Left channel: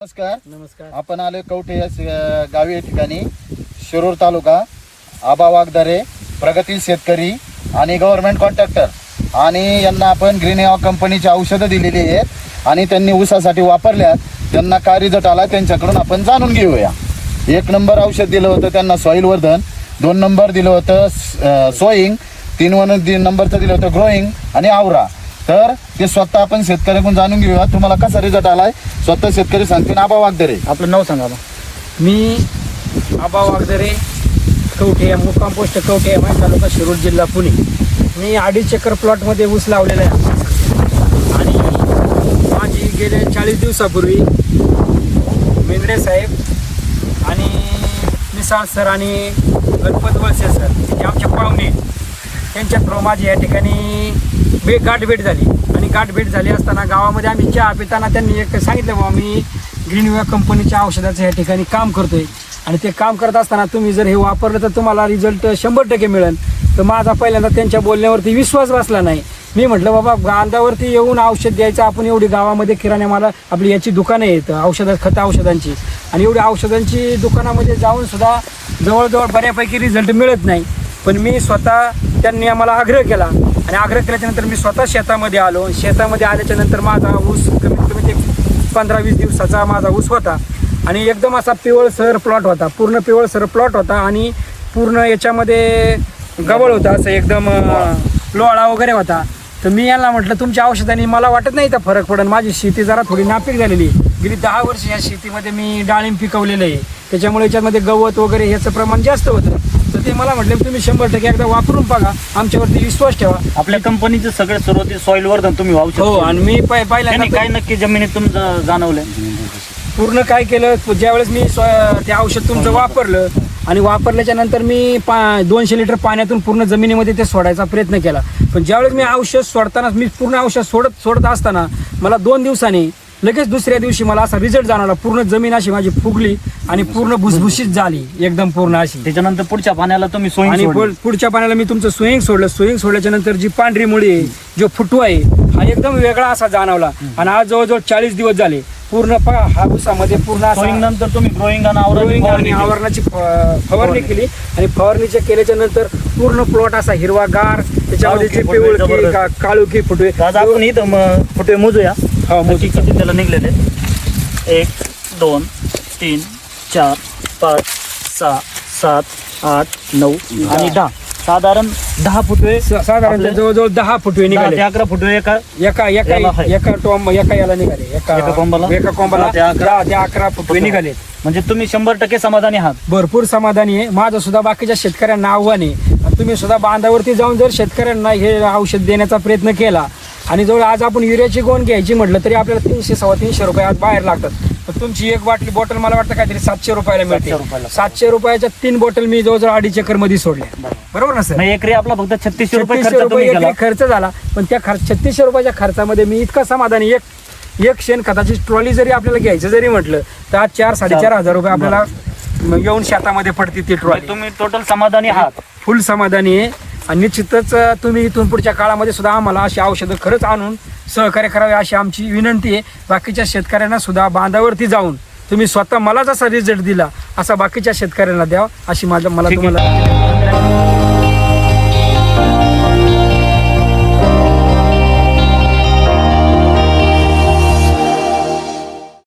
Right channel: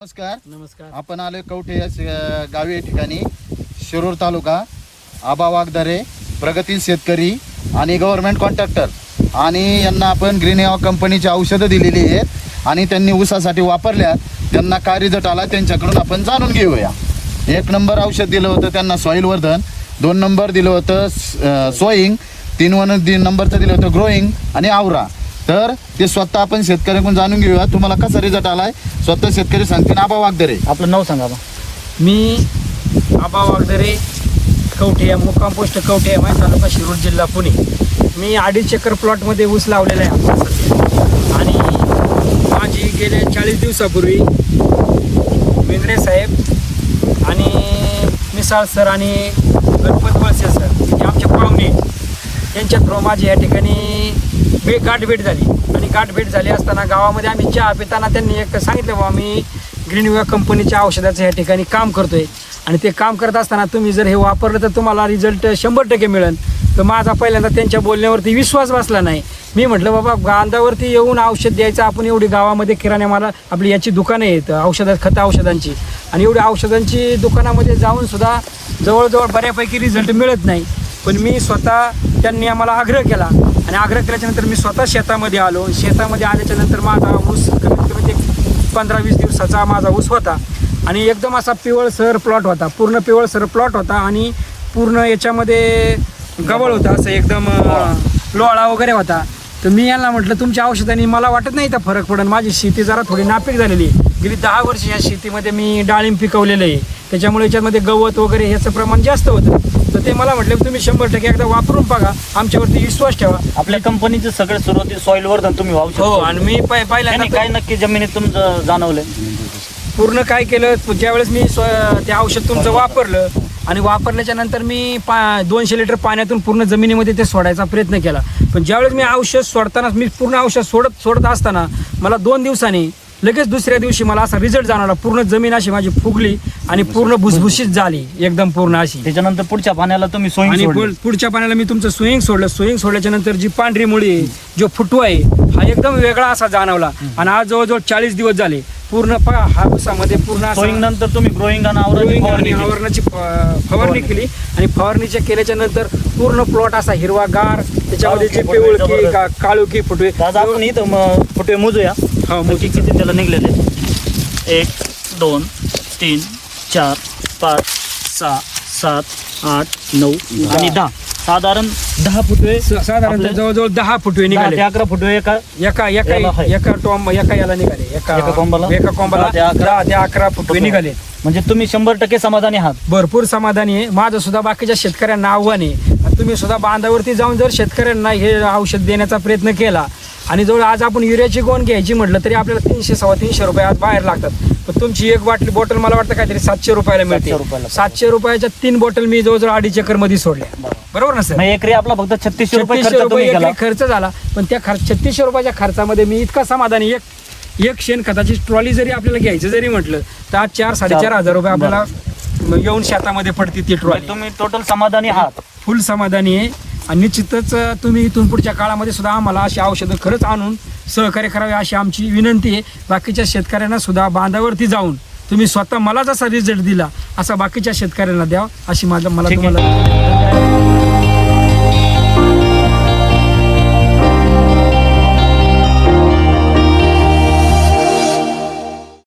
नमस्कार. नमस्कार. आपण आलोय कवठे या गावी या ठिकाणी. शिरूर तालुका आबा वागदरे प्रगतील शेतकरी आणि गव्हर्नमेंट कॉन्ट्रॅक्टर आणि यांना आपण ग्रीन एवा कंपनीची औषधं दिलेली आहेत आणि त्यांनी ऊसासाठी वापरल्यात. त्यांना काय रिझल्ट आला त्यांच्याकडून आपण जाणून घेऊया. एक नंबर औषध दिलं होतं त्यांना सॉईल वर्धन. दोन नंबर दिलं होतं सोईंग तीन वन तीन नंबरचं दिलं होतं ग्रोईंग आणि आवरा. तर ते स्वतः आपण शेतकऱ्याकडून जाणून घेऊया तुम्हाला कसा रिझल्ट आलाय? स्वतः शेतकरी सांगतील. आबा वागदरे. आपलं नाव सांगा बा. मी आबा वागदरे कवठे मुक्काम पोस्ट कवठे माझा तालुका शिरूर जिल्हा पुणे. मी अडीच एकर प्लॉटमध्ये ऊस लावलेला आहे. आणि माझी गेल्या चाळीस दिवसापूर्वी मेंद्रे साहेब आणि मिसाळ सर आणि गणपत वळसे सर हे आमचे पाहुणे आहेत. त्यांच्या थ्रू माझी या ठिकाणी भे गाठभेट झाली. आणि गाठभेट झाली असताना गावामध्ये आम्ही चहा पिताना त्यांनी एक सांगितलं बाबा मी ग्रीनवे कंपनीच्या औषधाचं या ठिकाणी काम करतोय. आणि ते काम करत असताना तुम्ही जर हे वापरलं तर तुम्हाला रिझल्ट शंभर टक्के मिळेल. तर माझा पहिल्यांदा त्यांच्या बोलण्यावरती विश्वास बसला नाही. मी म्हटलं बाबा गांधावरती येऊन औषध द्यायचं आपण एवढी गावामध्ये किराणा मला आपली याची दुकानं आहेत औषध खत औषधांची. आणि एवढी औषधांची दुकानामध्ये जाऊन सुद्धा जवळजवळ बऱ्यापैकी रिझल्ट मिळत नाही. पण मी स्वतः त्यांनी आम्हाला आग्रह केला आणि आग्रह केल्याच्यानंतर मी स्वतः शेतामध्ये आलो. शेतामध्ये आल्याच्यानंतर माझा ऊस कमीत कमी ते पंधरा वीस दिवसाचा माझा ऊस होता. आणि एकदम असा पिवळसर प्लॉट होता. पूर्ण पिवळसर प्लॉट होता आणि पूर्ण याच्यामध्ये गवळ होता असं एकदम लोळा वगैरे होता. तर मी यांना म्हटलं तुमच्या औषधाने मला वाटत नाही तर फरक पडेल माझी शेती जरा थोडी नापीक झालेली आहे. गेली दहा वर्ष या शेतीमध्ये मी डाळिंब पिकवलेलं आहे. त्याच्यामुळे याच्यामध्ये गवत वगैरे ह्याचं प्रमाण जास्त होतं. तर ते मला म्हटले तुम्ही शंभर टक्के एकदा वापरून बघा. आमच्यावरती विश्वास ठेवा. आपल्या कंपनीचं सगळे सुरुवाती सॉइल वर्धन तुम्ही वाहू हो आणि मी पहि- त्यांनी पहिल्यांदा काय नक्की जमिनीत तुमचं जाणवलं पूर्ण काय केलं ज्यावेळेस मी ते औषध तुमचं वापरलं आणि वापरल्याच्या नंतर मी पा दोनशे लिटर पाण्यातून पूर्ण जमिनीमध्ये ते सोडायचा प्रयत्न केला. पण ज्यावेळेस मी औषध सोडताना मी पूर्ण औषध सोडत सोडत असताना मला दोन दिवसांनी लगेच दुसऱ्या दिवशी मला असा रिझल्ट जाणवला. पूर्ण जमीन अशी माझी फुगली आणि पूर्ण भुसभुशीत झाली एकदम पूर्ण अशी. त्याच्यानंतर पुढच्या पाण्याला तुम्ही आणि पुढ- पुढच्या पाण्याला मी तुमचं स्विंग सोडलं. स्विंग सोडल्याच्या नंतर जी पांढरी मुळी आहे जो फुटवा आहे हा एकदम वेगळा असा जाणवला. आणि आज जवळजवळ चाळीस दिवस झाले. पूर्ण पा हा ऊसामध्ये पूर्ण असा नंतर तुम्ही ग्रोईंग आणि फवारणी केली. आवरणाची फ- फवारणी केली. आणि फवारणीच्या केल्याच्यानंतर पूर्ण प्लॉट असा हिरवागार त्याच्यामध्ये जी काळोखी फुटवे पिवळकी जबरदस्त. का- काळोखी फुटवे. दादा आपण इथं म- फुटवे मोजूया. हा मोजू. किती त्याला निघलेले एक दोन तीन चार पाच सहा सात आठ नऊ आणि दहा. साधारण दहा फुटवे स- साधारण आपल्या- जवळजवळ दहा फुटवे दहा निघाले. ते अकरा फुटवे एका एका एका याला आहे. एका टॉम एका याला निघाले. एका एका कोंबाला? एका कोंबाला दहा ते अकरा. दहा ते अकरा फुटवे निघाले. म्हणजे तुम्ही शंभर टक्के समाधानी आहात. भरपूर समाधानी आहे. माझं सुद्धा बाकीच्या शेतकऱ्यांना आव्हान आहे. आणि तुम्ही सुद्धा बांधावरती जाऊन जर शेतकऱ्यांना हे औषध देण्याचा प्रयत्न केला आणि जवळ आज आपण युरियाची गोण घ्यायची म्हटलं तरी आपल्याला तीनशे सव्वा तीनशे रुपये आज बाहेर लागतात. तर तुमची एक बाटली बॉटल मला वाटतं काहीतरी सातशे रुपयाला सातशे मिळते रुपयाला. सातशे रुपयाच्या तीन बॉटल मी जवळजवळ अडीच एकरमध्ये सोडल्या. बरोबर. ना सर? म्हणजे एकरी आपला फक्त छत्तीसशे रुपये छत्तीसशे खर्च रुपये केला एकरी खर्च झाला पण त्या खर्च छत्तीसशे रुपयाच्या खर्चामध्ये मी इतका समाधानी एक एक शेणखताची ट्रॉली जरी आपल्याला घ्यायचं जरी म्हटलं तर आज चार साडेचार हजार रुपये आपल्याला येऊन शेतामध्ये पडते ती ट्रॉली तुम्ही टोटल समाधानी आहात. फुल समाधानी आहे. आणि निश्चितच तुम्ही इथून पुढच्या काळामध्ये सुद्धा आम्हाला अशी औषधं खरंच आणून सहकार्य करावे अशी आमची विनंती आहे बाकीच्या शेतकऱ्यांना सुद्धा बांधावरती जाऊन तुम्ही स्वतः मला जसा रिझल्ट दिला असा बाकीच्या शेतकऱ्यांना द्यावा अशी माझं मला. तुम्हाला